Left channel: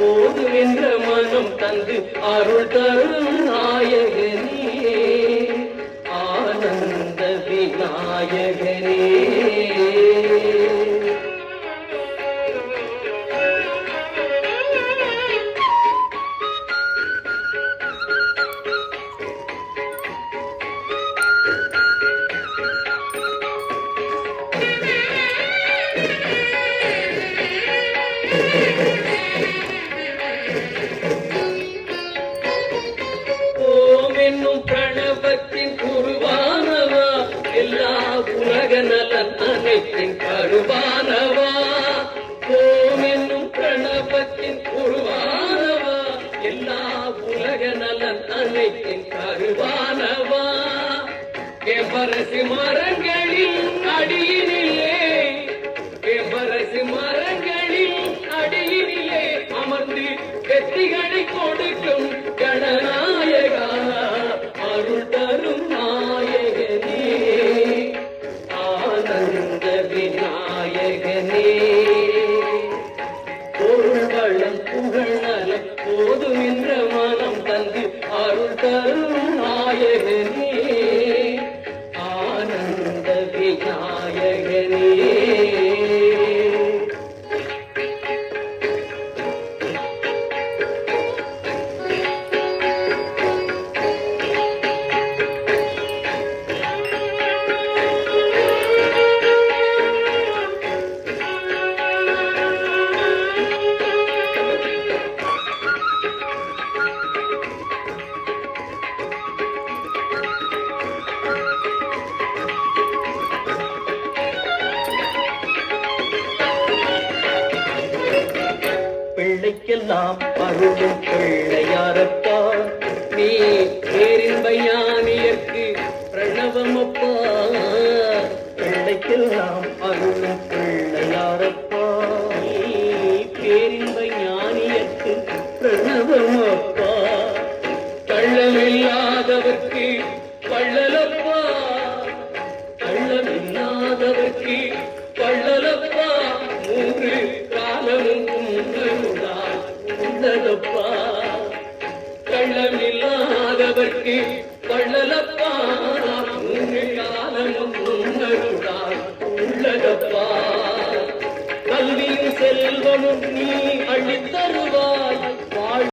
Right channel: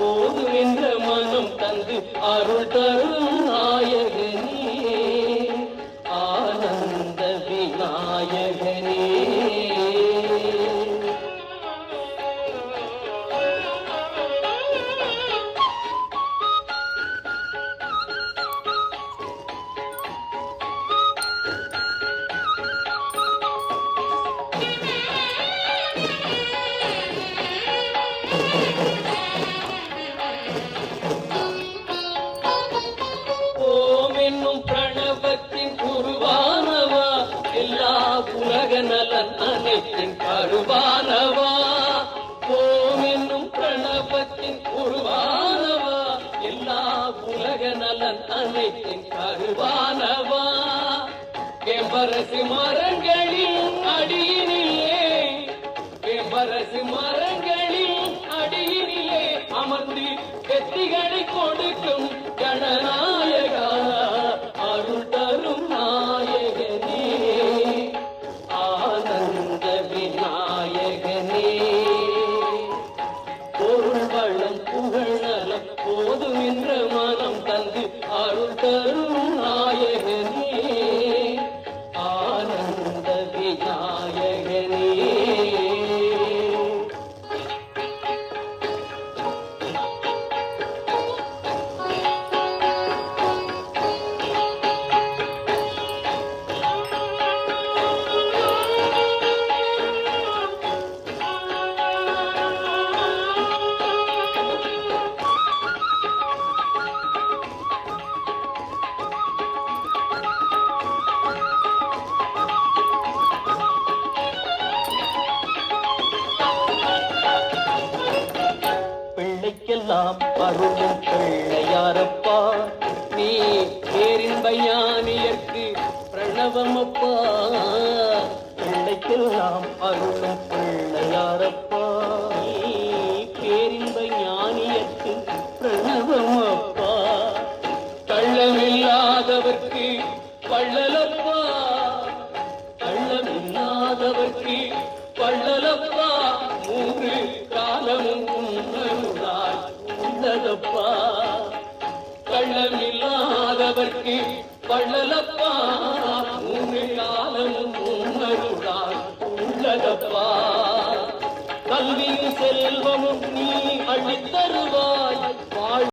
போது என்ற மனம் தந்து அருள் தரும் நாயகனே. ஆனந்த விநாயகனே. நலன் கருவானவா? ஓம் என்னும் பிரணவத்தின் உருவானவா எல்லா உலக நலன் அனைத்தின் கருவானவா? எம்பரசி மரங்களின் அடியினிலே? எம்பரசி மரங்களின் அடியினிலே அமர்ந்து வெற்றிகளை கொடுக்கும் கணனா விநாயகனே பிள்ளைக்கெல்லாம் அருளும் பிள்ளையாரப்பா நீ பேரின்ப ஞானியர்க்கு பிரணவமப்பா? பிள்ளைக்கெல்லாம் அருளும் பிள்ளையாரப்பா நீ பேரின்ப ஞானியர்க்கு பிரணவமப்பா? கள்ளமில்லாதவர்க்கு பள்ளலப்பா பள்ளலப்பா மூன்று காலமும் உன்னருளால் உள்ளதப்பா. கள்ளமில்லாதவர்க்கு பள்ளலப்பா மூன்று காலமும் உன்னருளால் உள்ளதப்பா. கல்வியும் செல்வமும் நீ அழித்தருவாய்.